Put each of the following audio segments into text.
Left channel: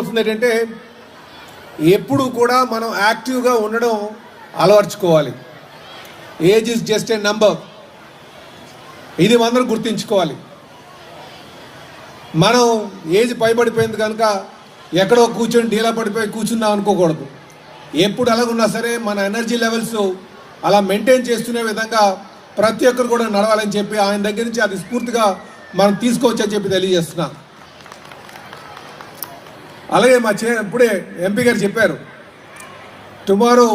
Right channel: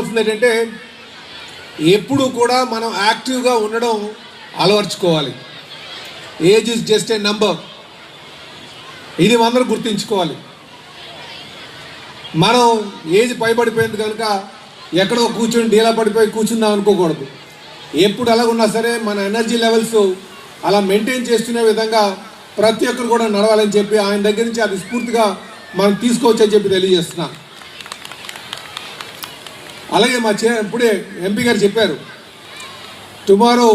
చెప్పవలసింది ఏంటంటే ఎప్పుడు కూడా మనం యాక్టివ్గా ఉండడం అలవర్చుకోవాలి. Age is just a number, ఇది అందరూ గుర్తుంచుకోవాలి. మనం ఏజ్ పైబడిపోయింది కనుక ఎక్కడో కూర్చొని డీలా పడిపోయి కూర్చుందాం అనుకోకూడదు. ఎప్పుడు అలా ఉన్నా సరే మన ఎనర్జీ లెవెల్స్ అలా మెయింటైన్ చేస్తున్న విధంగా ప్రతి ఒక్కరు కూడా నడవాలని చెప్పి ఆయన దగ్గర నుంచి అది స్ఫూర్తిగా మనం తీసుకోవచ్చని చెప్పి తెలియజేస్తున్నాం. అలాగే ఇప్పుడే ఎంపీ గారు చెప్పారు, tomorrow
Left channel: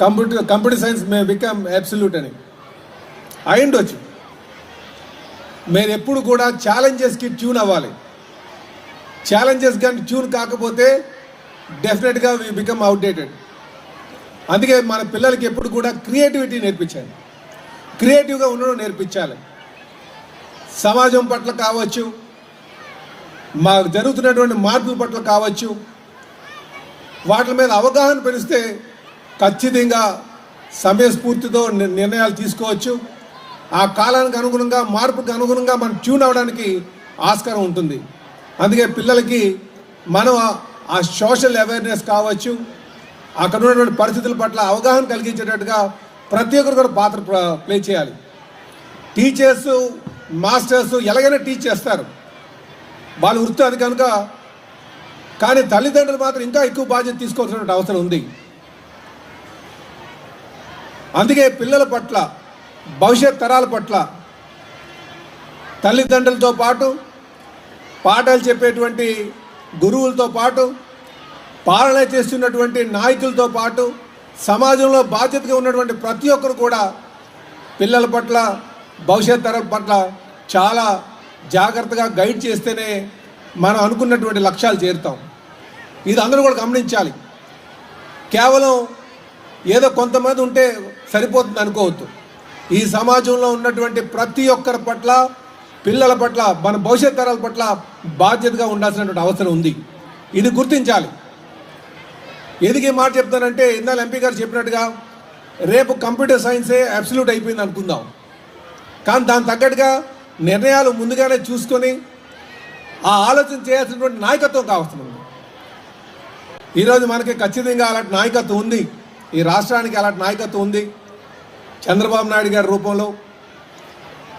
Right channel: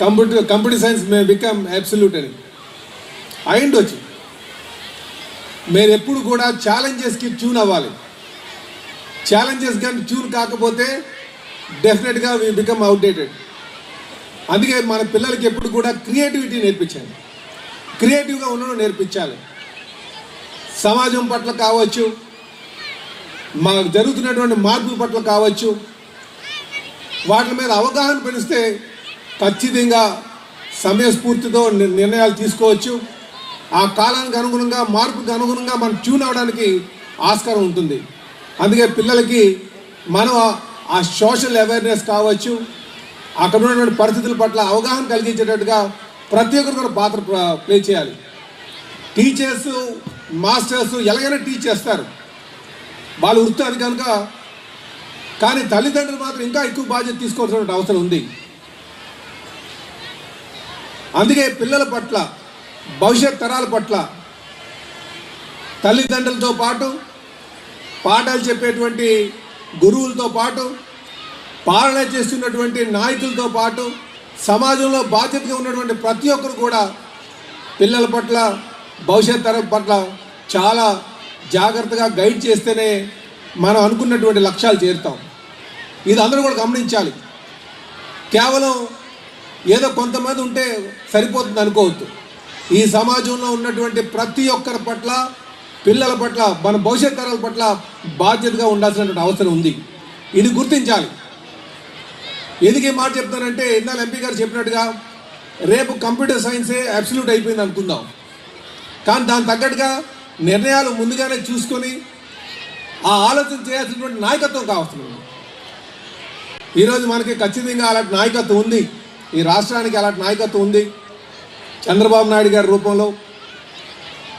computer science may become absolute అని. అయ్యుండొచ్చు. మీరు ఎప్పుడు కూడా ఛాలెంజెస్కి ట్యూన్ అవ్వాలి. ఛాలెంజెస్ కానీ ట్యూన్ కాకపోతే డెఫినెట్గా వి బికమ్ అవుట్డేటెడ్. అందుకే మన పిల్లలకి ఎప్పుడు కూడా క్రియేటివిటీ నేర్పించాలి, క్రియేటివ్గా ఉండడం నేర్పించాలి. సమాజం పట్ల కావచ్చు, జరుగుతున్నటువంటి మార్పుల పట్ల కావచ్చు, వాటి మీద అవగాహన పెరిస్తే ఖచ్చితంగా సమయస్ఫూర్తితో నిర్ణయాలు తీసుకోవచ్చు. ఆ కాలానికి అనుగుణంగా, మార్పుకి అనుగుణంగా మనం ట్యూన్ అవ్వడానికి ఆస్కారం ఉంటుంది. అందుకే పిల్లలకి మనం ఆ సోషల్ అవేర్నెస్ కావచ్చు, అక్కడ ఉన్నటువంటి పరిస్థితుల పట్ల అవగాహన కలిగించేటట్టుగా ప్రతి ఒక్కరు కూడా పాత్ర ప్లే చేయాలి. టీచర్స్, మాస్టర్స్ ఎలాగైనా టీచ్ చేస్తారు, వాళ్ళ వృత్తి అది కనుక. కానీ తల్లిదండ్రులు మాత్రం ఇంకా ఎక్కువ బాధ్యత తీసుకోవాల్సిన అవసరం ఉంది. అందుకే పిల్లల పట్ల, భవిష్యత్ తరాల పట్ల తల్లిదండ్రులతో పాటు, పాఠాలు చెప్పేటువంటి గురువులతో పాటు, పాలన చేస్తున్నటువంటి నాయకులతో పాటు, సమాజంలో బాధ్యతగా ఉన్నటువంటి ప్రతి ఒక్కరు కూడా పిల్లల పట్ల, భవిష్యత్ తరం పట్ల చాలా జాగ్రత్తగా గైడ్ చేస్తేనే మనం అనుకున్నటువంటి లక్ష్యాలు చేరుతాం. ఇది అందరూ కూడా గమనించాలి. కేవలం ఏదో కొంతమంది ఉంటే సరిపోతుంది అనుకోవద్దు. ఈ సమాజంలో ఉన్నటువంటి ప్రతి ఒక్కరి పట్ల, పిల్లల పట్ల, మన భవిష్యత్ తరాల పట్ల బాధ్యతగా ఉండాల్సినటువంటి అవసరం ఉంది. ఇది గుర్తించాలి. ఎందుకు ఈ మాట చెప్తానంటే, ఇందాక ఎంపీ గారు చెప్పినట్టుగా రేపు కంప్యూటర్ సైన్సే అబ్సల్యూట్ అయిపోయింది అనుకుందాం. కానీ దానికి తగ్గట్టుగా నిర్ణయాలు ముందుగానే చూసుకొని ఆ ఆలోచన చేయాల్సినటువంటి నాయకత్వం కావాల్సింది. ఈరోజు మనకి ఖచ్చితంగా అలాంటి నాయకత్వం ఉంది. ఈ రాష్ట్రానికి అలాంటి నాయకత్వం ఉంది. చంద్రబాబు నాయుడు గారి రూపంలో,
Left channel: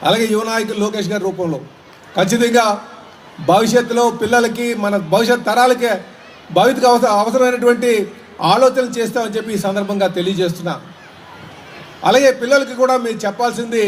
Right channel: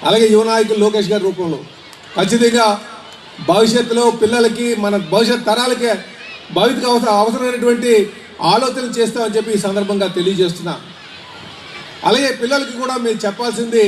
అలాగే యువ నాయకులు లోకేష్ గారి రూపంలో ఖచ్చితంగా భవిష్యత్తులో పిల్లలకి, మన భవిష్యత్ తరాలకి భవిష్యత్తుకు అవసరమైనటువంటి ఆలోచనలు చేస్తామని చెప్పి ఈ సందర్భంగా తెలియజేస్తున్నా. అలాగే పిల్లలకి కూడా మీరు చెప్పాల్సింది